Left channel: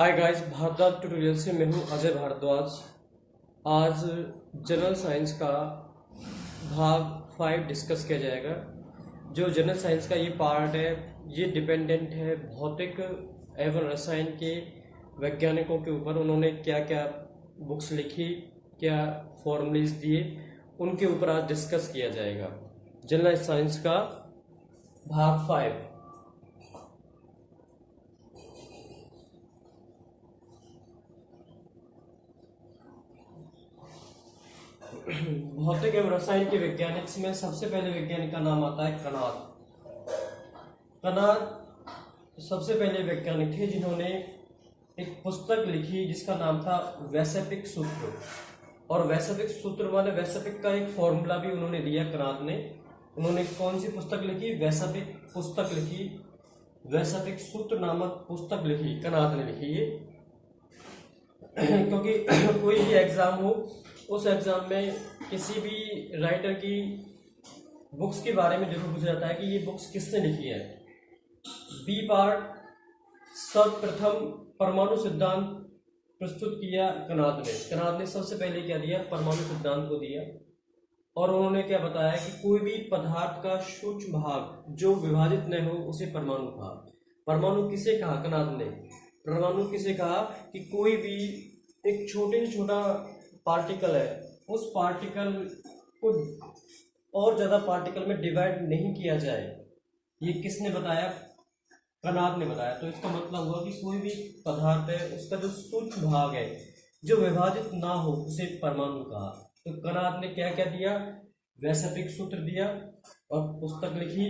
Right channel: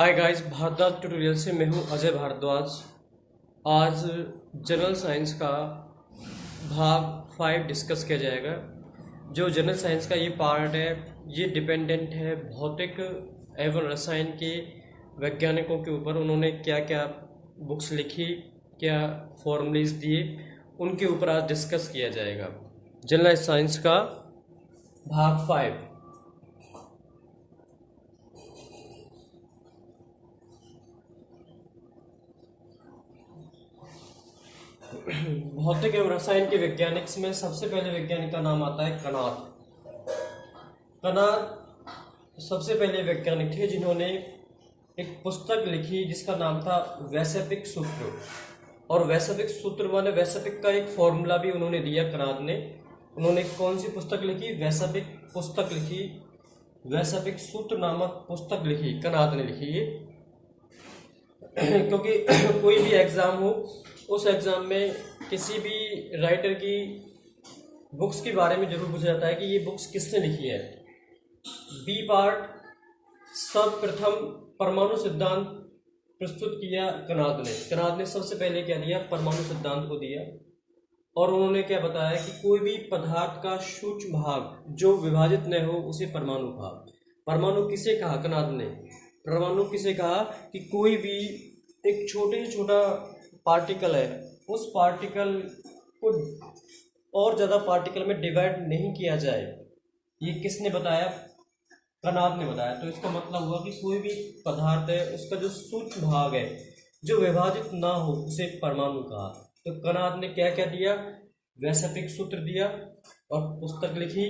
Hi guys, Bhardwaj tutorial से मैं हूं अजय भारद्वाज। आज जनरल साइंस का भाग 5 डिस्कस किया जाएगा। जो जनरल साइंस का ये पार्ट है, ये डिपेंडेंट है भौतिक एवं रसायन के वैज्ञानिकों के ऊपर। उन्होंने क्या क्या बुक्स लिखी, क्या फॉर्मूलेज दिए, उनके ऊपर आज डिस्कस किया जाएगा। जनरल साइंस का भाग 5। भौतिक एवं रसायन के वैज्ञानिक में सबसे पहले वैज्ञानिक का नाम आता है कनाद। कनाद सबसे पहले वैज्ञानिक थे जिन्होंने एक पुस्तक लिखी जिसका नाम था वैशेपिक सूत्र। और वैशेपिक सूत्र वाले वैशेपिक का एक फॉर्मूला भी उन्होंने दिया कनाद ने। उन्होंने कौन सी पुस्तक लिखी? वैशेपिक पुस्तक लिखी, वैशेपिक सूत्र नामक पुस्तक लिखी, कनाद ने लिखी ये। क्योंकि कोई भी एग्जाम हो, उस एग्जाम में किसी भी राइटर की बुक्स के बारे में जरूर पूछा जाता है कि ये बुक्स किसने लिखी है। बी पार्ट, सर्वप्रथम परमाणु सिद्धांत प्रस्तुत किया कनाद ने। कनाद ने सबसे पहले क्या दिया? परमाणु सिद्धांत को दिया। और उन्होंने क्या बताया कि कोई भी पदार्थ का सूक्ष्म भाग जो विभाजित न हो उसे परमाणु कहा। परमाणु किसे कहा? कनाद ने। परमाणु किसे कहा? कि कोई भी एक छोटे से छोटा पार्टिकल है, उस पार्टिकल को और ज़्यादा पार्टिकल में डिवाइड नहीं किया जाए। ये किसने बताया? कनाद ने बताया। तो इसका मतलब हुआ कि कोई भी पदार्थ है, उसका जो सूक्ष्म भाग है जो विभाजित ना हो उसे परमाणु कहा। तो कनाद ने क्या क्या दिया? वैशेपिक सूत्र दिया और पुस्तक लिखी।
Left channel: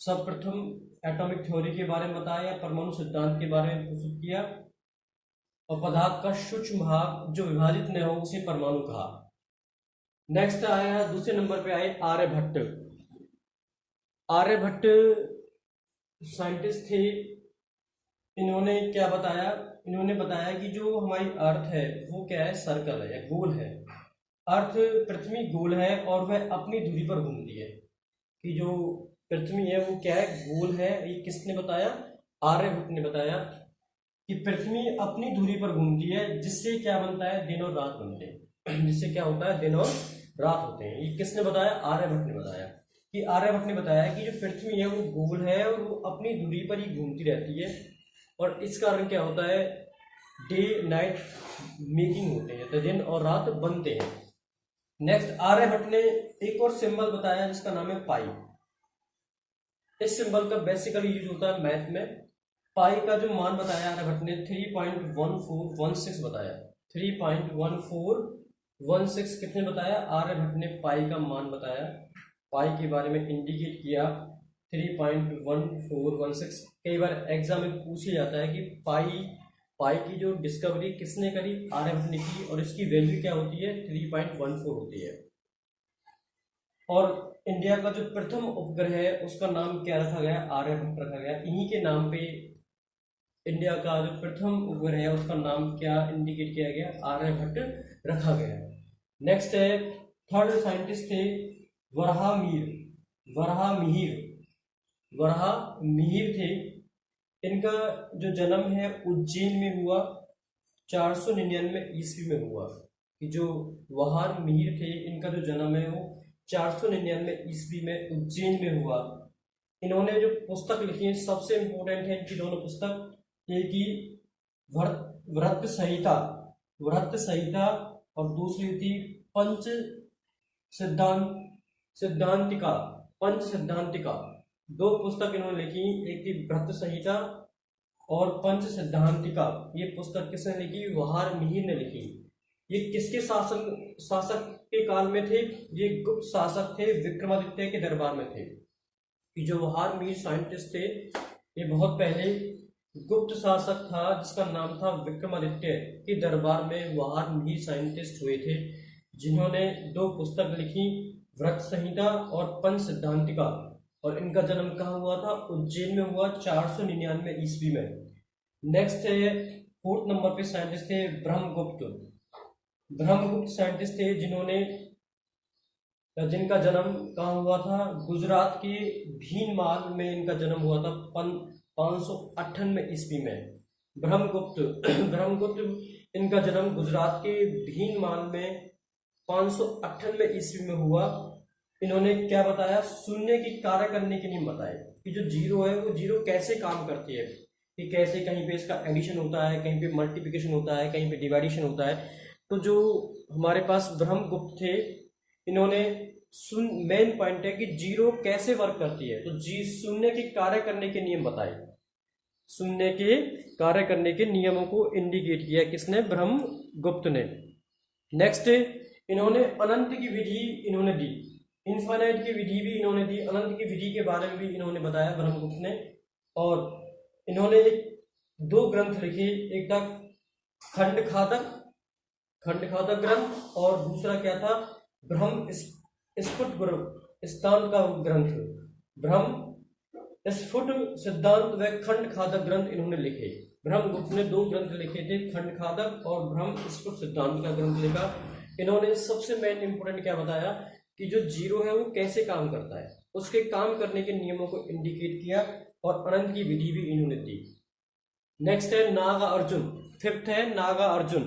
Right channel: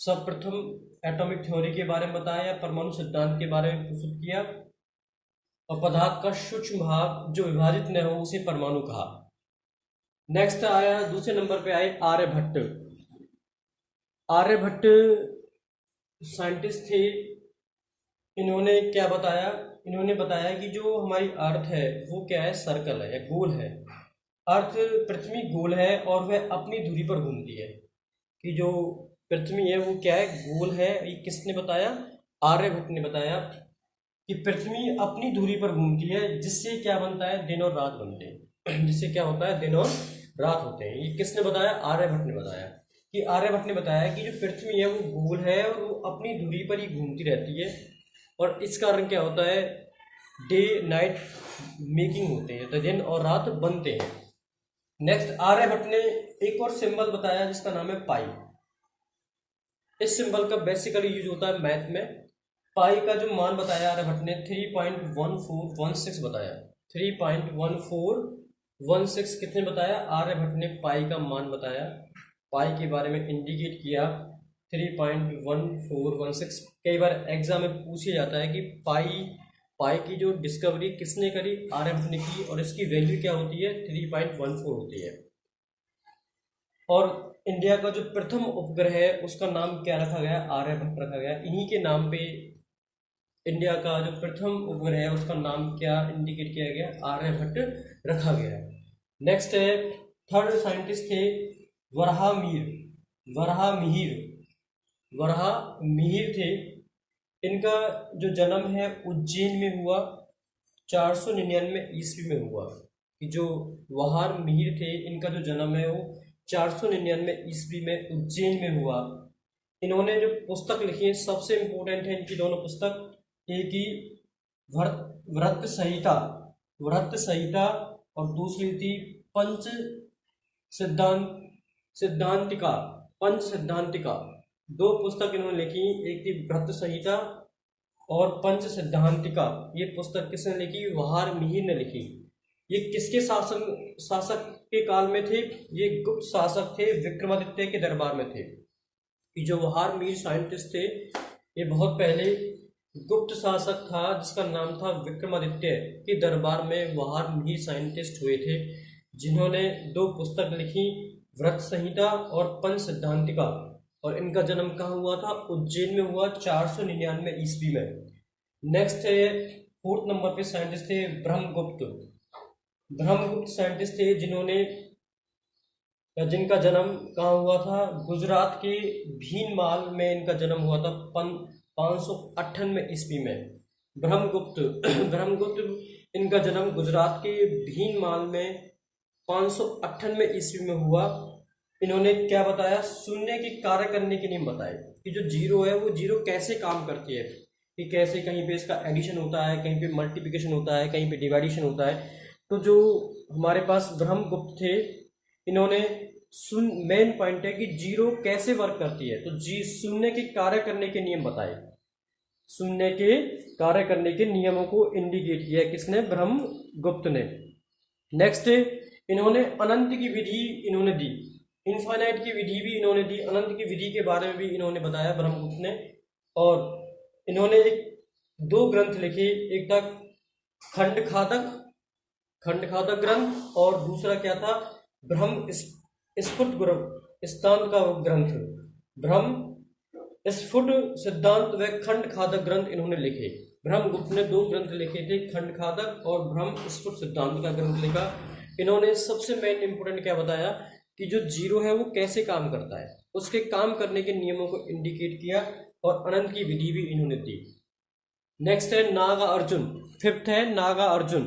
सर्वप्रथम एटॉमिक थ्योरी के बारे में बताया, परमाणु सिद्धांत के बारे में प्रस्तुत किया, और पदार्थ का सूक्ष्म भाग जो विभाजित न हो उसे परमाणु कहा। नेक्स्ट आया, दूसरे नंबर पे आए आर्यभट्ट। आर्यभट्ट साइंटिस्ट थे। इन्होंने क्या बताया? इन्होंने बताया कि जो हमारी अर्थ है वो क्या है? सर्कल है या गोल है। अर्थ पृथ्वी गोल है और वह अपनी धुरी पर घूमती है। कि जो पृथ्वी है वो क्या है? गोल है। ये किसने बताया? आर्यभट्ट ने बताया कि पृथ्वी अपनी धुरी पर घूमती है, जिससे क्या बनता है? दिन और रात बनते हैं। जिससे क्या होता है? दिन और रात होते हैं। ये किसने बताया? आर्यभट्ट ने बताया। कि आर्यभट्ट ने बताया कि जो पृथ्वी है वो गोल है और वो अपनी धुरी पर ही घूमती रहती है, और इस कारण क्या होता है? डे नाइट मेकिंग होते हैं, तो दिन और रात बनते हैं। नेक्स्ट, आर्यभट्ट ने एक और सिंबल बताया जिसका नाम है पाई। इस सिंबल का बेसिकली यूज होता है मैथ में। पाई का जो मान बताया आर्यभट्ट ने 3.1416 बताया। 3.1416 कितने बताया? आर्यभट्ट ने पाई का मान बताया। पाई के बारे में इंडिकेट किया 3.1416। कई बार एग्जाम में पूछा जाता है कि पाई की जो डिस्कवरी किसने करी? आर्यभट्ट ने की, और इसकी वैल्यू क्या होती है? 3.14 होती है। और इंडिया का जो प्रथम उपग्रह है उसका नाम क्या रखा गया? आर्यभट्ट रखा गया। इन्हीं के नाम पे इंडिया का जो प्रथम उपग्रह है उसका नाम क्या इंडिकेट किया गया? आर्यभट्ट रखा गया। नेक्स्ट है, थर्ड साइंटिस्ट थे वराहमिहिर। वराहमिहिर थे। इनका जो जन्म है उज्जैन में हुआ, 499 ईस्वी में हुआ। कि जो वराहमिहिर थे, इनका जो जन्म है वो 499 ईस्वी में उज्जैन में हुआ। इन्होंने जो पुस्तक लिखी है सबसे इंपॉर्टेंट है इनकी दोनों पुस्तक। एक ही वृत्त संहिता और दूसरी थी पंच सिद्धांतिका। दो पुस्तक इन्होंने लिखी, एक थी वृत्त संहिता और पंच सिद्धांतिका। ये पुस्तक किसने लिखी? वराहमिहिर ने लिखी। ये किसके शासक के काल में थे? ये गुप्त शासक थे, विक्रमादित्य के दरबार में थे। जो वराहमिहिर साइंटिस्ट थे, ये बहुत पहले गुप्त शासक था जिसका नाम था विक्रमादित्य के दरबार में वराहमिहिर साइंटिस्ट हुए थे, जिन्होंने दो पुस्तक लिखी, वृत्त संहिता और पंच सिद्धांतिका। और इनका जन्म कहाँ हुआ था? उज्जैन में हुआ, 499 ईस्वी में। नेक्स्ट है, फोर्थ नंबर पे साइंटिस्ट थे ब्रह्मगुप्त साइंटिस्ट थे, जिनका जन्म कहाँ हुआ था? गुजरात के भीनमाल में इनका जन्म हुआ था 598 ईस्वी में। ब्रह्मगुप्त ब्रह्मगुप्त इनका जन्म गुजरात के भीनमाल में 598 ईस्वी में हुआ। इन्होंने क्या बताया, शून्य की कार्य करने के नियम बताए कि जो जीरो है वो जीरो कैसे काम करती है, कि कैसे कहीं पे इसका एडिशन होता है, कहीं पे मल्टीप्लिकेशन होता है, कहीं पे डिवाइडेशन होता है। तो जो हमारे पास ब्रह्मगुप्त थे, इन्होंने मेन पॉइंट है कि जीरो कैसे वर्क करती है, तो जी शून्य के कार्य करने के नियम बताए, शून्य के कार्य करने के नियमों को इंडिकेट किया किसने, ब्रह्मगुप्त ने। नेक्स्ट इन्होंने अनंत की विधि इन्होंने दी, इनफाइनाइट की विधि भी इन्होंने दी, अनंत की विधि के बारे में भी इन्होंने बताया ब्रह्मगुप्त ने। और इन्होंने दो ग्रंथ लिखे, एक था खंडखातक ग्रंथ और दूसरा क्या था, ब्रह्म स्फुट सिद्धांत का ग्रंथ, ब्रह्म स्फुट सिद्धांत व खंडखातक ग्रंथ इन्होंने लिखे। ब्रह्मगुप्त ने दो ग्रंथ लिखे थे, खंडखातक और ब्रह्म स्फुट सिद्धांत का ग्रंथ लिखा। इन्होंने सबसे मेन इंपोर्टेंट क्या बताया कि जो जीरो है वो कैसे काम करता है, उसके काम करने के नियमों को इंडिकेट किया, और अनंत की विधि भी इन्होंने दी। नेक्स्ट है नागा अर्जुन, फिफ्थ है नागा अर्जुन।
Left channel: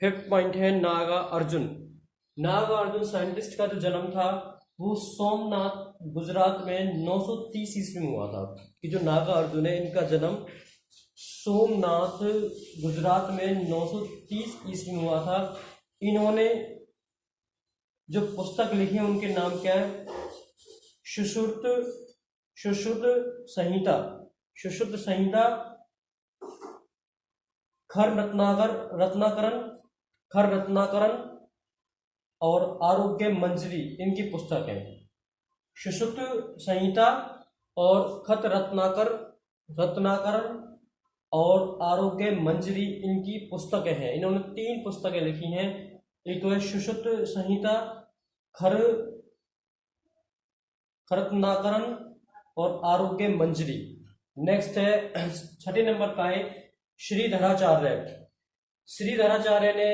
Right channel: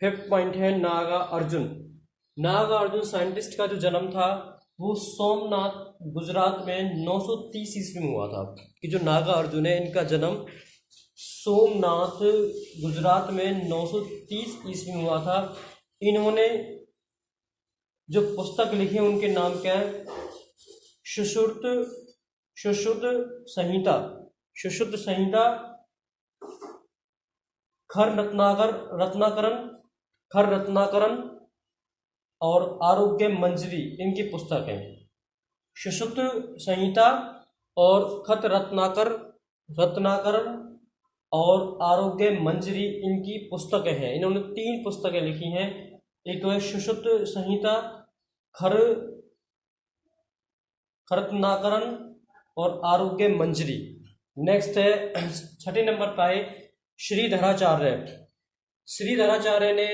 फिफ्थ पॉइंट है नागा अर्जुन। नागा अर्जुन साइंटिस्ट का जो जन्म था वो सोमनाथ गुजरात में 930 ईस्वी में हुआ था। कि जो नागा अर्जुन है इनका जन्म सोमनाथ गुजरात में 930 ईस्वी में हुआ था। इन्होंने जो पुस्तक लिखी है उनके नाम क्या है, सुश्रुत संहिता, खर रत्नाकरण और आरोग्य मंजरी, इनकी पुस्तक है। सुश्रुत संहिता और खत रत्नाकरण और आरोग्य मंजरी इनकी पुस्तकें हैं। इन्होंने 3 पुस्तकें लिखी हैं, एक तो है सुश्रुत संहिता, खरत्नाकरण और आरोग्य मंजरी। नेक्स्ट है 6 नंबर का है श्रीधराचार्य ने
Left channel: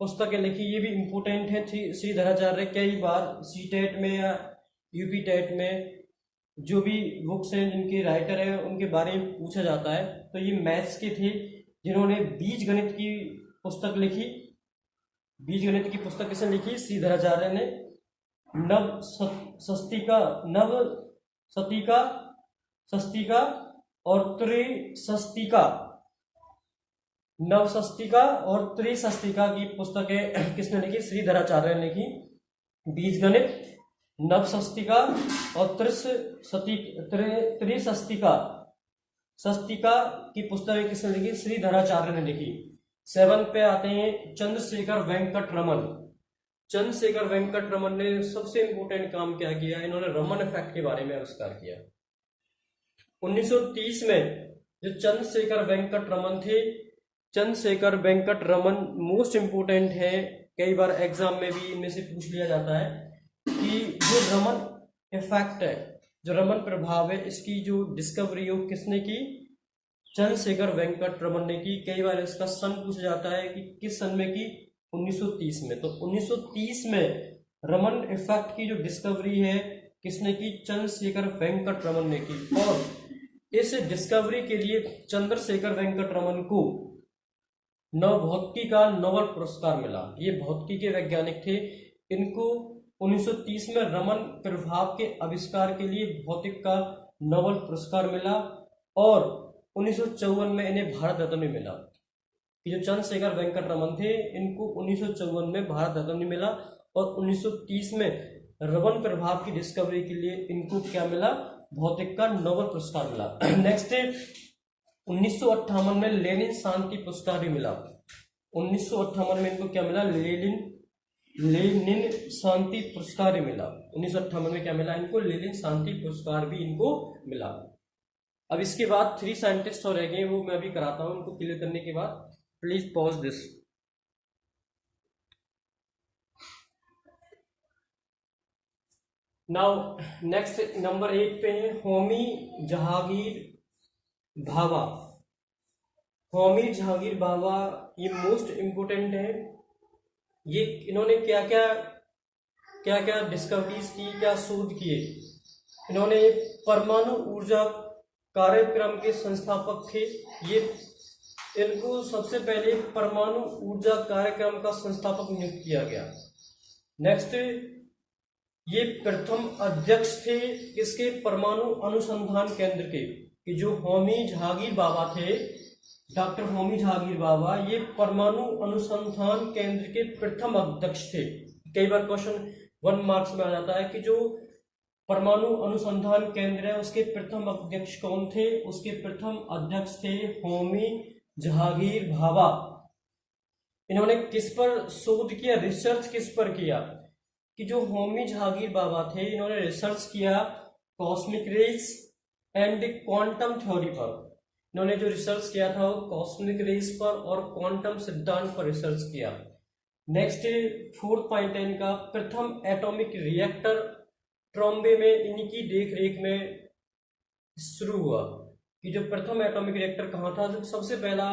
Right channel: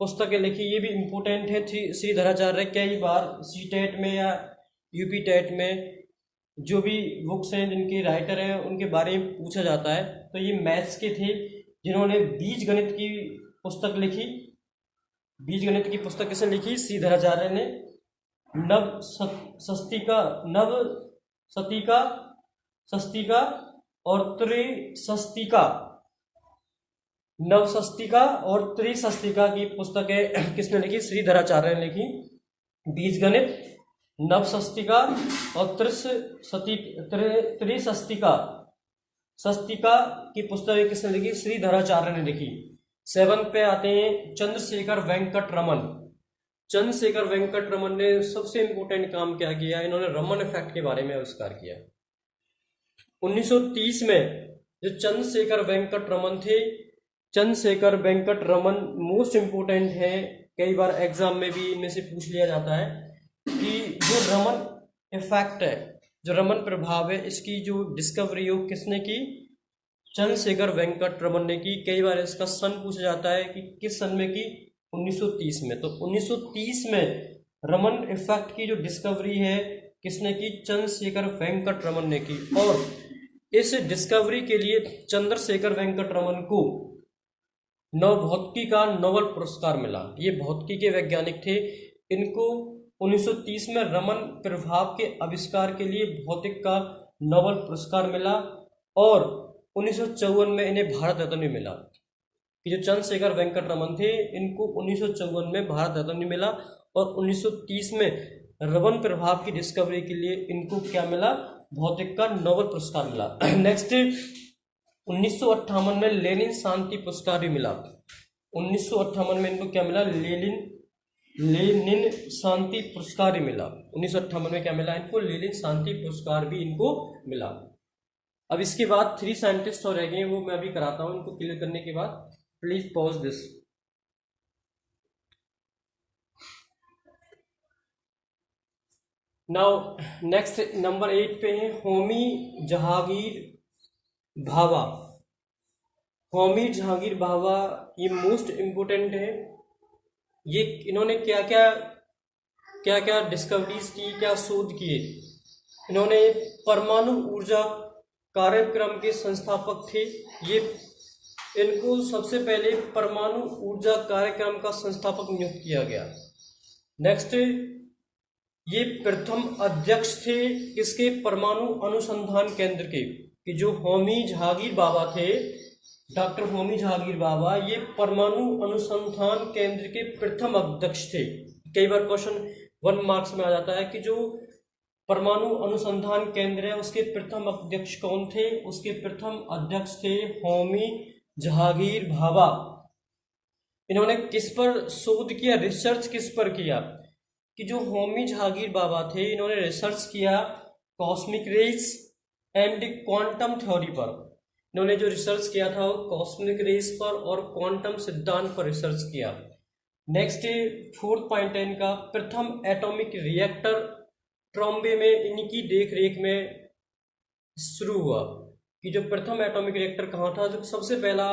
पुस्तकें लिखी, ये भी इम्पोर्टेंट है। श्रीधराचार्य कई बार सीटेट में या यूपी टेट में जो भी बुक्स हैं जिनके राइटर हैं उनके बारे में पूछा जाता है। तो ये मैथ्स के थे जिन्होंने बीज गणित की पुस्तक लिखी। बीज गणित की पुस्तक किसने लिखी, श्रीधराचार्य ने। सस्तिका और त्रिशस्तिका की पुस्तकें किसने लिखी, श्रीधराचार्य ने लिखी। बीज गणित, नवशस्तिका और त्रिशस्तिका की पुस्तकें किसने लिखी, श्रीधराचार्य ने लिखी। 7 पे आते हैं चंद्रशेखर वेंकट रमन ने सबसे इंपोर्टेंट काम क्या किया, इन्होंने रमन इफेक्ट के बारे में आविष्कार किया। 1930 में जो चंद्रशेखर वेंकट रमन मोस्ट इंपोर्टेंट है, कई बार एग्जाम में भी इनमें से पूछ लिया जाता है कि जो रमन इफेक्ट है, जो रमन प्रभाव है, इसकी जो डिस्कवरी हो किसने की, चंद्रशेखर वेंकट रमन ने की। कई बार इसका सन पूछा जाता है कि किस सन में की, 1930 में। तो 1930 में रमन इफेक्ट की जो डिस्कवरी है किसने की, चंद्रशेखर वेंकट रमन ने की। और इस डिस्कवरी के लिए चंद्रशेखर वेंकट रमन को भौतिकी का नोबेल पुरस्कार मिला। ये भौतिकी के वैज्ञानिक थे। इनको 1930 में रमन प्रभाव के आविष्कार के लिए भौतिक का नोबेल पुरस्कार मिला, और 1954 में इन्हें भारत रत्न भी मिला। जो चंद्रशेखर वेंकट रमन थे इनको 1954 में भारत रत्न मिला, और 1930 में रमन प्रभाव की डिस्कवरी के लिए इनको क्या मिला, भौतिक का नोबेल पुरस्कार मिला। नेक्स्ट 1958 में लेनिन शांति पुरस्कार भी मिला। 1958 में इनको क्या मिला, लेनिन शांति पुरस्कार भी मिला। 1958 में क्या मिला इनको, लेनिन शांति पुरस्कार भी इनको मिला। अब इसके बाद 3 साइंटिस्ट और रह गए, वो मैं अभी कराता हूं। इनको क्लियर करने के बाद please pause this. Now next number 8 पे है होमी जहांगीर भाभा। ये मोस्ट इंपोर्टेंट है। ये इन्होंने क्या क्या क्या क्या डिस्कवरीज की, क्या शोध किए। इन्होंने परमाणु ऊर्जा कार्यक्रम के संस्थापक थे। ये इनको सबसे पहले परमाणु ऊर्जा कार्यक्रम का संस्थापक नियुक्त किया गया। नेक्स्ट, ये प्रथम अध्यक्ष थे किसके, परमाणु अनुसंधान केंद्र के, कि जो होमी जहांगीर बाबा थे, डॉक्टर होमी जहांगीर बाबा, ये परमाणु अनुसंधान केंद्र के प्रथम अध्यक्ष थे। कई बार क्वेश्चन 1 मार्क्स में आ जाता है कि जो परमाणु अनुसंधान केंद्र है उसके प्रथम अध्यक्ष कौन थे। उसके प्रथम अध्यक्ष थे होमी जहांगीर बाबा। इन्होंने किस पर शोध किया, रिसर्च किस पर किया, कि जो होमी जहांगीर बाबा थे इन्होंने रिसर्च किया cosmic rays and quantum theory पर। इन्होंने जो रिसर्च किया था वो कॉस्मिक रेज पर और क्वांटम सिद्धांत पर रिसर्च किया। नेक्स्ट 4th पॉइंट है इनका, प्रथम एटॉमिक रिएक्टर ट्रॉम्बे में इनकी देख रेख में शुरू हुआ। कि जो प्रथम एटॉमिक रिएक्टर कहाँ था, जो सबसे पहला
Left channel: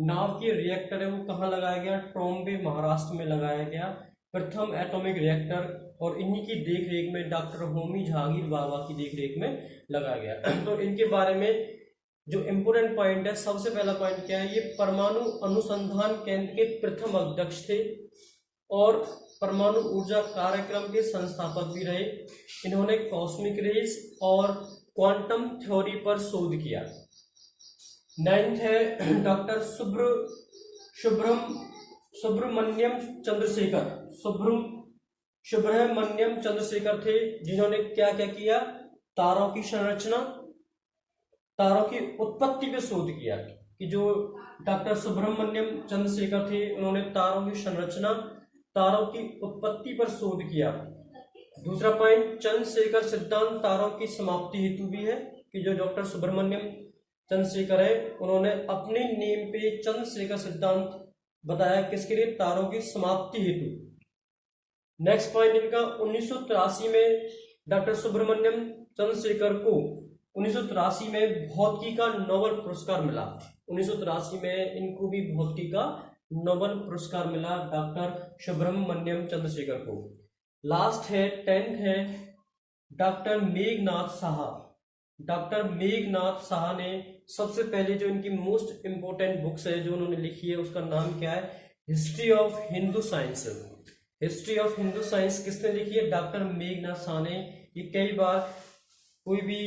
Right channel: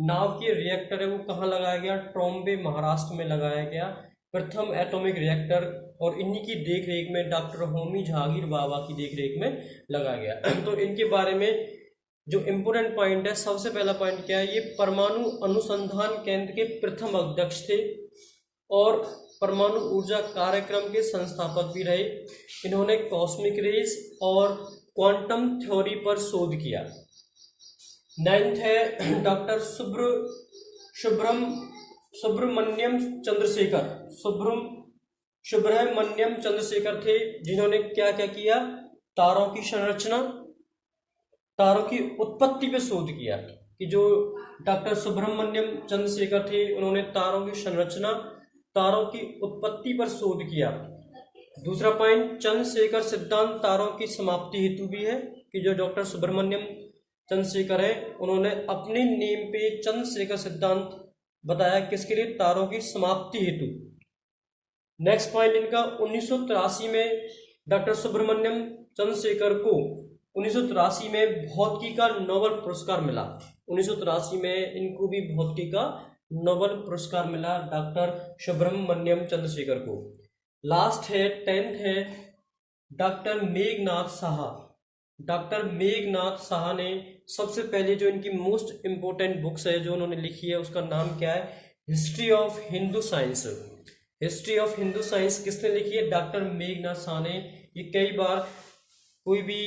नाभिकीय रिएक्टर है वो कहाँ लगाया गया, ट्रॉम्बे महाराष्ट्र में लगाया गया प्रथम एटॉमिक रिएक्टर, और इन्हीं की देख रेख में डॉक्टर होमी जहांगीर बाबा की देख रेख में लगाया गया। तो इनके बारे में जो इम्पोर्टेंट पॉइंट है, सबसे पहला पॉइंट क्या है, ये परमाणु अनुसंधान केंद्र के प्रथम अध्यक्ष थे और परमाणु ऊर्जा कार्यक्रम के संस्थापक भी रहे। इन्होंने कॉस्मिक रेज और क्वांटम थ्योरी पर शोध किया। 9th है डॉक्टर सुब्रमण्यम चंद्रशेखर थे, जिन्होंने क्या क्या किया, तारों की संरचना, तारों की उत्पत्ति पे शोध किया। कि जो डॉक्टर सुब्रमण्यम चंद्रशेखर थे उन्होंने तारों की संरचना, तारों की उत्पत्ति पर शोध किया। दूसरा पॉइंट, चंद्रशेखर सिद्धांत तारों की समाप्ति हेतु भी है। कि जो डॉक्टर सुब्रमण्यम चंद्रशेखर है उन्होंने अपने नेम पे चंद्रशेखर सिद्धांत बताया, किसके लिए, तारों की समाप्ति हेतु। नेक्स्ट पॉइंट इनका, 1983 में डॉक्टर सुब्रमण्यम चंद्रशेखर को 1983 में भौतिकी का नोबेल पुरस्कार मिला। 1983 में इनको भी भौतिकी का नोबेल पुरस्कार मिला डॉक्टर सुब्रमण्यम चंद्रशेखर को। लास्ट है 10th है डॉक्टर मेघनाथ साहा। डॉक्टर मेघनाथ साहा ने सबसे पहले जो इनकी मोस्ट इंपोर्टेंट बुक्स है जो उन्होंने लिखी है उसका नाम क्या है, history of Hindu science. History of Hindu science किसने लिखी है, डॉक्टर मेघनाथ साहा ने। ये कई बार कोई भी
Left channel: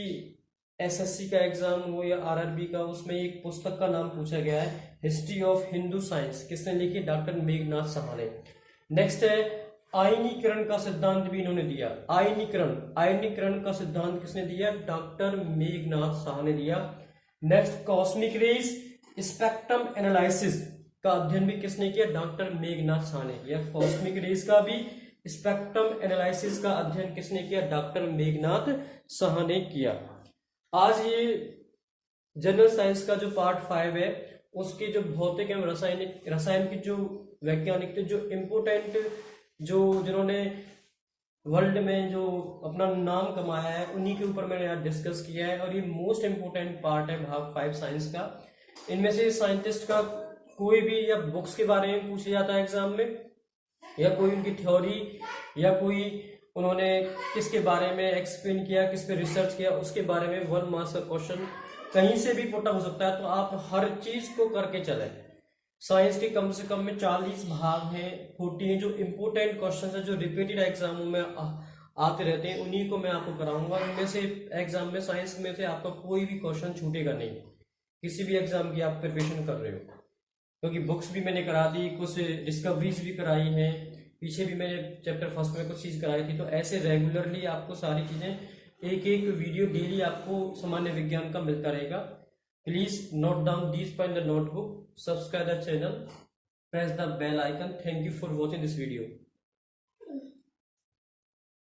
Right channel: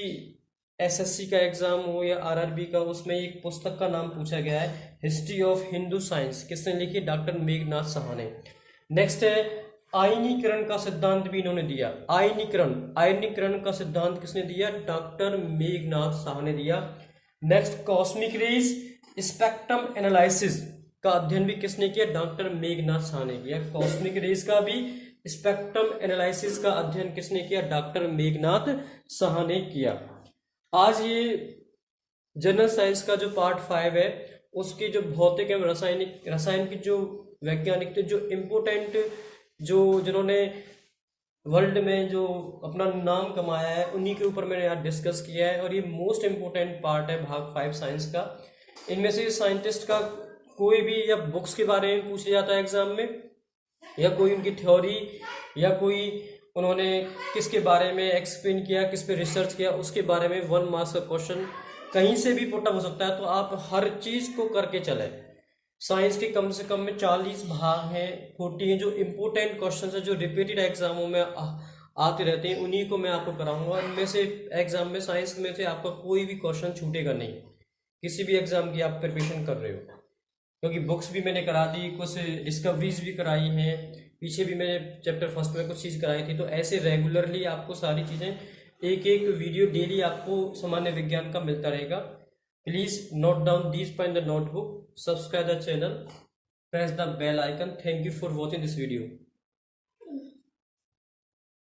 एसएससी का एग्जाम हो या आरआरबी का, उसमें एक पुस्तक का नाम पूछा गया है, हिस्ट्री ऑफ हिंदू साइंस, किसने लिखी, डॉक्टर मेघनाथ साहा ने। नेक्स्ट है आयनीकरण का सिद्धांत भी इन्होंने दिया। आयनीकरण का सिद्धांत किसने दिया, डॉक्टर मेघनाथ साहा ने दिया। Next cosmic rays spectrum analysis का अध्ययन भी किसने किया, डॉक्टर मेघनाथ साहा ने किया। कॉस्मिक रेज का भी स्पेक्ट्रम एनालिसिस का अध्ययन किसने किया, डॉक्टर मेघनाथ साहा ने किया। आज ये जनरल साइंस का जो पार्ट 5 है उसकी जो भौतिक एवं रसायन की जो वैज्ञानिक थे, जो इम्पोर्टेंट, जो जिन्होंने वर्ल्ड में जो अपना नाम कमाया है, उन्हीं के ऊपर मैंने यहाँ डिस्कस किया है। और ये मोस्ट इम्पोर्टेंट पार्ट है भाग 5 साइंस का। इनमें से साइंटिस्ट का कोई भी या बुक्स के बारे में पूछ लिया जाता है एग्जाम में, या कोई उनकी थ्योरी, या कोई उन्होंने किसके बारे में एक्सप्लेन किया, किस पे रिसर्च किया, उसके बारे में 1 मार्क्स का क्वेश्चन कहीं से भी पुट अप हो सकता है। तो आप हर चीज को करके चले। साइंस के कम से कम में 40 भाग हैं, 40 हैं, जो इम्पोर्टेंट क्वेश्चन है, जो रिपीटेड एग्जामों में आते रहते हैं, उन्हीं को मैं आपको कराऊंगा। इनमें से एग्जाम में, साइंस में से आपका कोई भी क्वेश्चन छूटेगा नहीं, किसी भी एग्जाम की आप प्रिपरेशन कर रहे हो, क्योंकि बुक्स भी मैंने करा दी, कुछ डिस्कवरीज भी कराई हैं, पीछे भी मैंने चैप्टर 1 में कुछ चीज़ कराई थी। तो ऐसे रेगुलरली आपको सारी चीज़ें, एक एक वीडियो डेली आपको सामान्य विज्ञान का मिलता रहेगा। Please note down this point in the notebook, subscribe the channel, press the bell icon. Thank you for watching this video.